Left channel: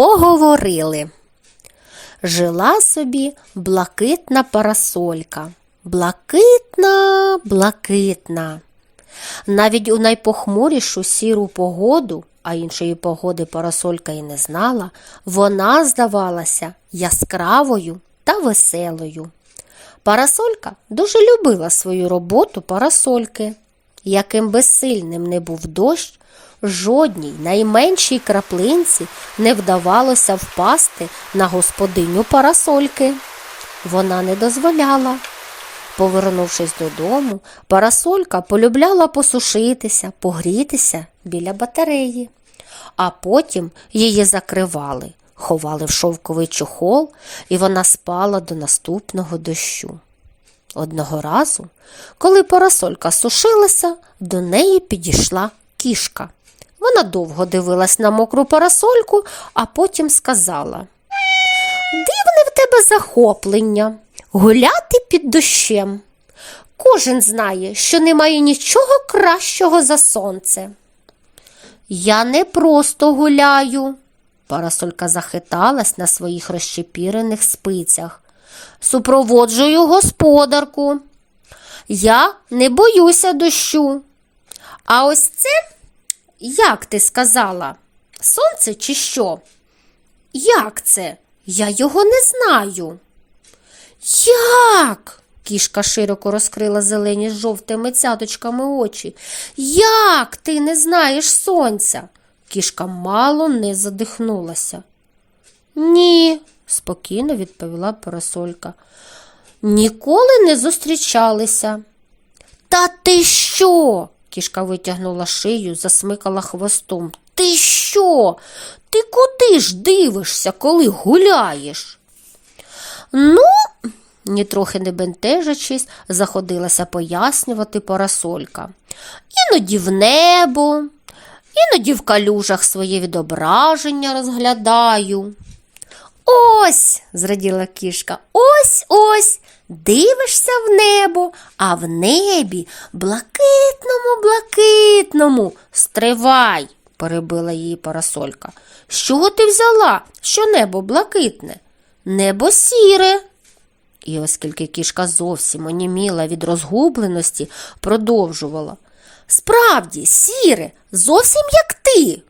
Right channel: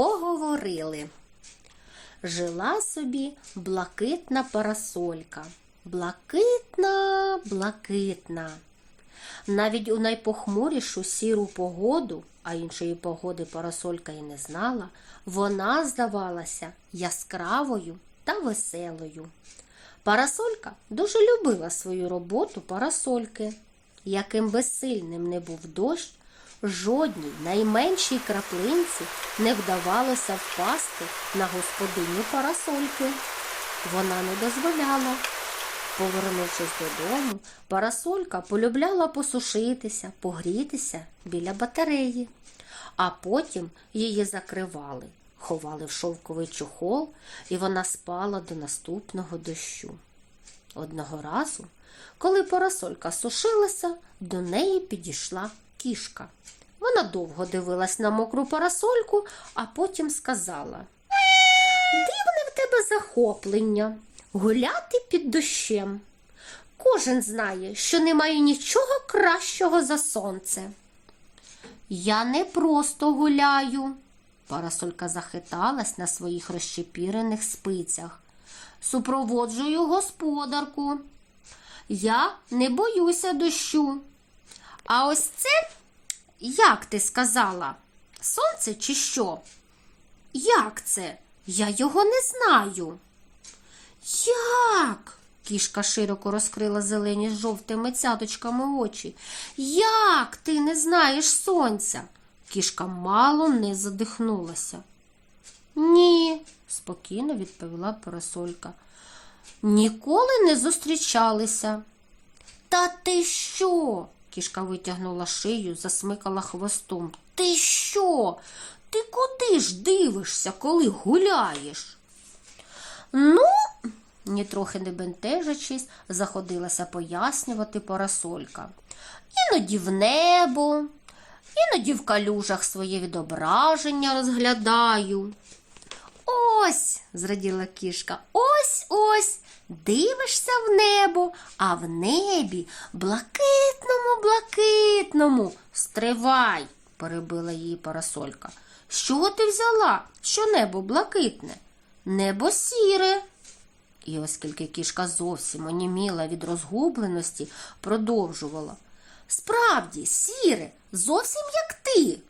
Поговорили. Жила собі блакитна парасолька. Блакитна, блакитна. Навіть у найпохмурішу сіру погоду, а іншої погоди парасолька і не знала, вона здавалася яскравою та веселою. Парасолька дуже любила свою роботу парасольки. Яким би сильним не був дощ, жодній найменшій краплинці не вдавалося впасти на господиню парасольки. Вона не дозволяла. Повернувшись додому, парасолька полюбляла посушитися, погрітися біля батареї, а потім її закривали, ховали в шовковий чохол, і вона спала до наступного дощу. Одного разу, коли парасолька сушилася, до неї підійшла кішка. Вона довго дивилась на мокру парасольку, а потім сказала: Дивне в тебе захоплення гуляти під дощем. Кожен знає, що немає нічого кращого за сонце. Я не просто гуляю. Парасолька захиталась на своїх розщепірених спицях. Супроводжую господарку. Я не боюся дощу. А ось це, як ти сказала, сонце чи що? Як це? Я його не знаю. Як? Кішка широко розкрила зелені з жовтими цяточками очі. Як ти не знаєш сонця? Кішка мало не задихнулася. Ні, спокійно відповіла парасолька. Ніколи не зустрічалися. Та ти що? Кішка витягнула шию, засмикала хвостом. Ти що? Ти куди ж дивишся, коли гуляєш? Ну, нітрохи не бентежачись, заходилася пояснювати парасолька. Іноді в небо, іноді в калюжах своє відображення розглядаю. Ось, зраділа кішка, ось ось. Дивишся в небо, а в небі блакитному, блакитному. Стривай, перебила її парасолька. Чого ти взяла, що небо блакитне? Небо сіре. І оскільки кішка зовсім оніміла від розгубленості, продовжувала. Справді, сіре, зовсім як ти.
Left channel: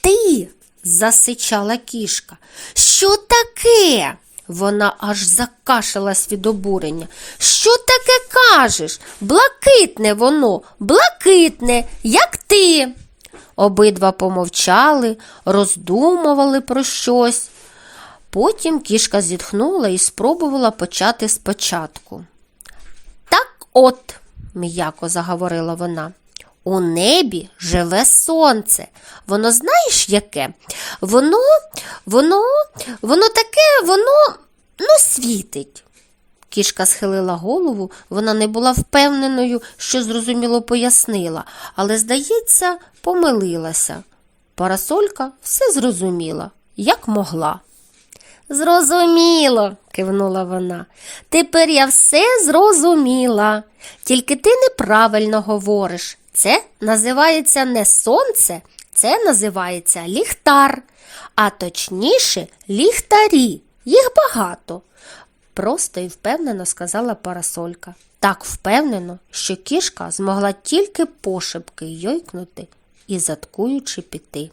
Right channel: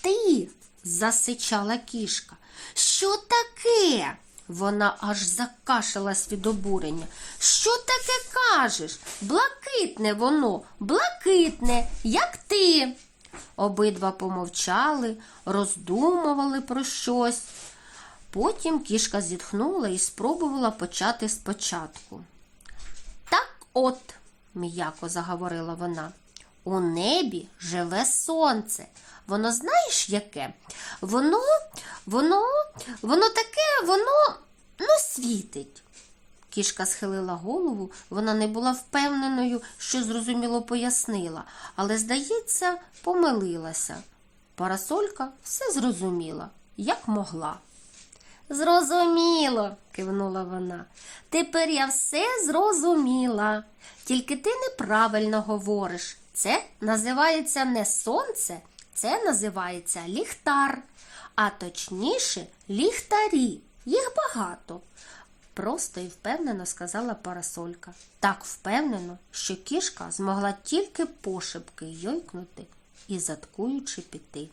Ти, засичала кішка. Що таке? Вона аж закашалась від обурення. Що таке кажеш? Блакитне воно, блакитне, як ти. Обидва помовчали, роздумували про щось. Потім кішка зітхнула і спробувала почати спочатку. Так от, м'яко заговорила вона, у небі живе сонце. Воно знаєш яке? Воно, воно, воно таке, воно ну, світить. Кішка схилила голову, вона не була впевненою, що зрозуміло пояснила, але, здається, помилилася. Парасолька все зрозуміла, як могла. Зрозуміло, кивнула вона. Тепер я все зрозуміла. Тільки ти неправильно говориш. Це називається не сонце, це називається ліхтар, а точніше ліхтарі. Їх багато. Просто і впевнено сказала парасолька. Так впевнено, що кішка змогла тільки пошепки йойкнути і заткуючи піти.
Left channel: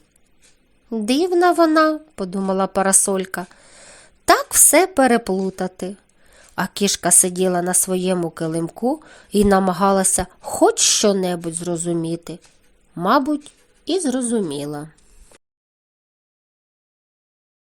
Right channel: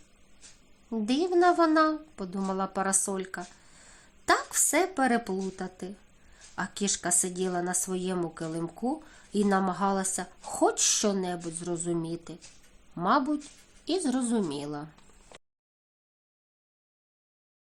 Дивна вона, подумала парасолька, так все переплутати. А кішка сиділа на своєму килимку і намагалася хоч що-небудь зрозуміти. Мабуть, і зрозуміла.